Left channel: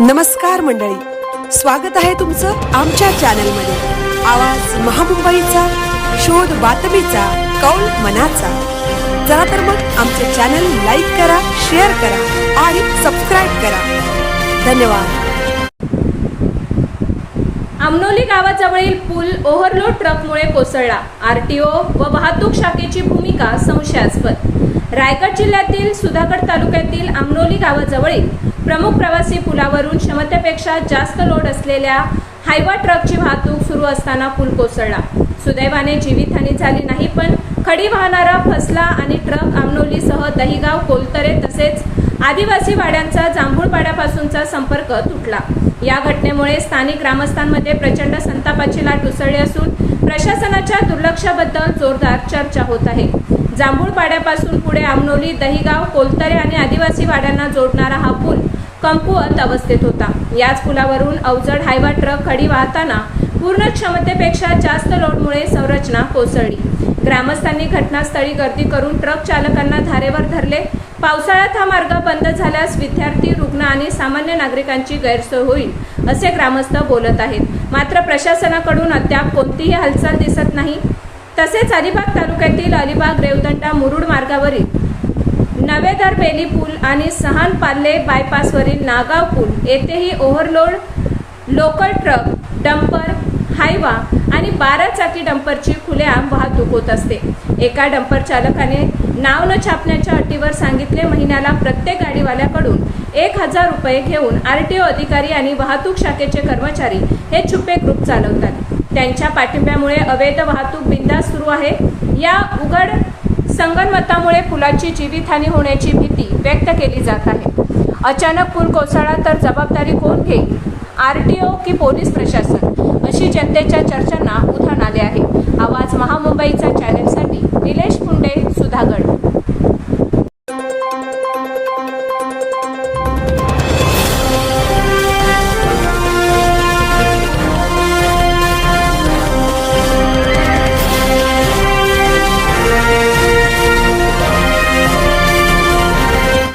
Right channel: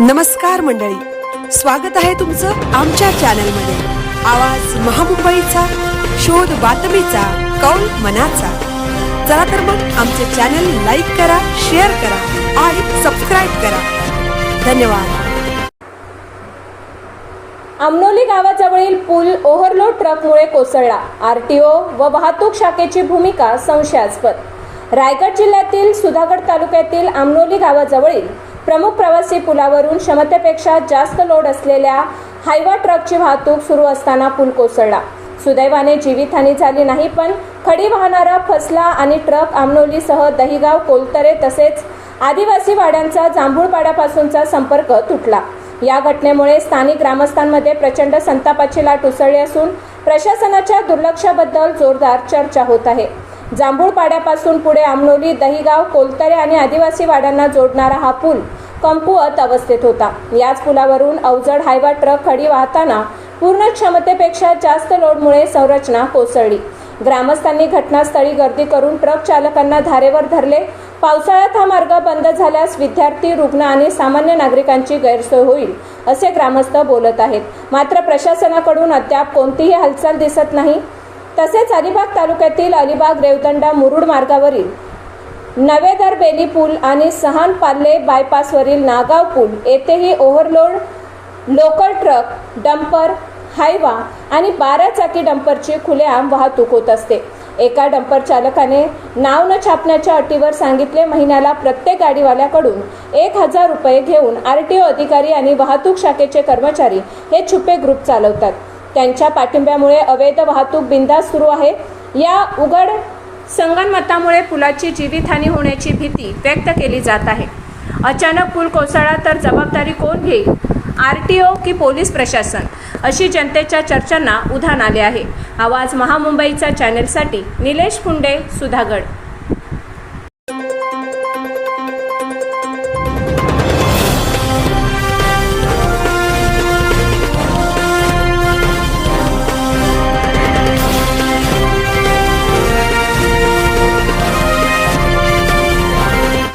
नमस्कार मंडळी, स्वागत आहे तुमचं आमच्या चॅनलमध्ये। आवाज महामुंबईचा, शोध बातमीचा, कौल मनाचा। चला तर मग आमचे चॅनल लाईक करा, शेअर करा आणि सबस्क्राइब करा। धन्यवाद। आमनोली गावाजवळील पूल ओव्हरलोड ट्रकमुळे कोसळला। आरटीओ व वाहतूक शाखेची भूमिका संशयास्पद। रायगड जिल्ह्यातील सुधागड तालुक्यातील आमनोली गावाजवळील प्रमुख प्रवासी पुलावरून क्षमतेपेक्षा जास्त लोड असलेल्या हायवा ट्रकची वाहतूक सुरू असताना पूल कोसळला। सुदैवाने जीवितहानी झाली नाही, पण खडी वाहणारा फसला आणि ट्रक आमनोलीसह दहिगाव, कोलतरे तसेच आदिवासी वाड्यांचा जांभूळपाड्यापासूनचा संपर्क तुटला। या घटनेमुळे स्थानिक ग्रामस्थांमध्ये प्रचंड संतापाची लाट उसळली असून प्रशासनाच्या दुर्लक्षाबद्दल जोरदार चर्चा होत आहे। जांभूळपाड्यापासून पुढे आमनोली, दहिगाव, कोलतरे आणि आदिवासी वाड्यांना जोडणारा हा पूल कमकुवत अवस्थेत होता। याच पुलावरून अवजड हायवा ट्रक खडी वाहताना पूर्ण क्षमतेपेक्षा जास्त लोडमुळे संरचना कोसळली। ग्रामस्थांनी घटनास्थळी गर्दी करून ट्रक चालकांना धारेवर धरले। पावसाळ्यात हा मार्ग बंद झाल्यास विद्यार्थी, रुग्ण आणि सामान्य नागरिकांची गैरसोय होईल असे ग्रामस्थ बोलत आहेत। मात्र प्रशासनाकडून अद्याप कोणतीही हालचाल दिसत नाही। तसेच अलिबाग तालुक्यातील अलिबाग, रेवदंडा, मुरुड मार्गावरील नवेदर बेली पूल आणि सहान पार्ले बायपासवरील नागाव पूल येथेही overload local truck, dumper, Hyva आणि 12 चाकी डंपरची खुलेआम वाहतूक होत असते। एका डंपर चालकाने नाव न छापण्याच्या अटीवर सांगितले महिन्याला प्रत्येक गाडीवाल्याकडून 1000 रुपये घेऊन आरटीओ अधिकारी आणि वाहतूक शाखेचे कर्मचारी हे छुपे ग्रुप चालवतात। त्यांच्या पाठिंब्यामुळे अवैध वाहतूक बिनधास्त सुरू आहे। या उघड संगनमतामुळे पुलाची जीवितहानी होण्याची भीती व्यक्त केली जात आहे। अचानक पूल कोसळला तर जबाबदारी कोण घेईल? आरटीओ की पोलीस प्रशासन? अशी जनतेच्या चर्चांना उधाण आले आहे। आवाज महामुंबईचा चॅनलसाठी निलेश पुंडे, सुधागड।